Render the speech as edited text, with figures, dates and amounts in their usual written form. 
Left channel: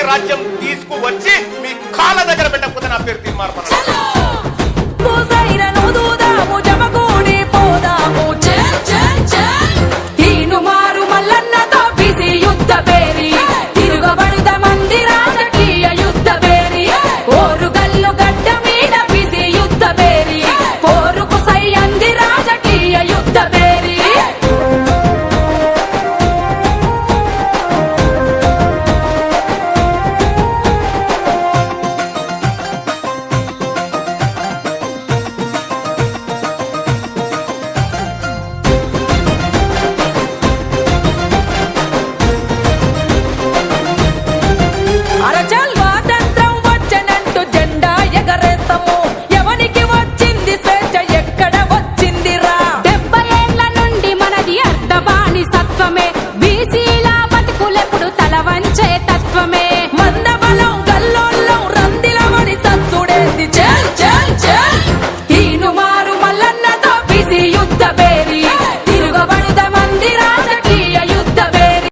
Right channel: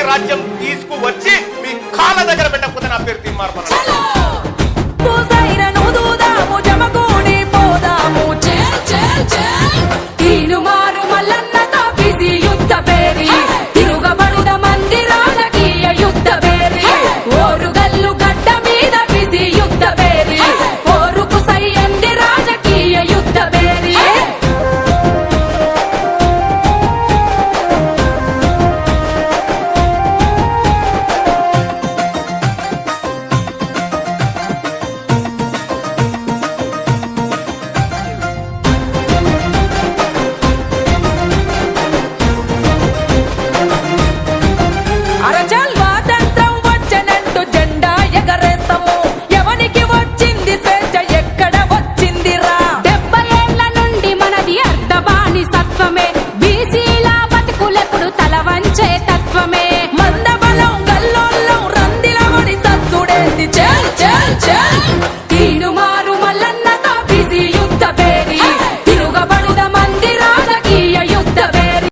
BC రాజ్యం తీసుకువచ్చి మీ కాళ్ళ దగ్గర పెట్టకపోతే నా పేరు తీర్మార్పణ. స్వాతంత్రం వచ్చనంటూ జెండా ఎగరేస్తాము. ఎవనికి వచ్చింది స్వేచ్ఛ, ఎక్కడ వచ్చిందిరా? 70 ఏళ్ల నుండి మనది అర్ధబానిసత్వమే. బీసీల బతుకులెప్పుడు తల వంచే తత్వమే.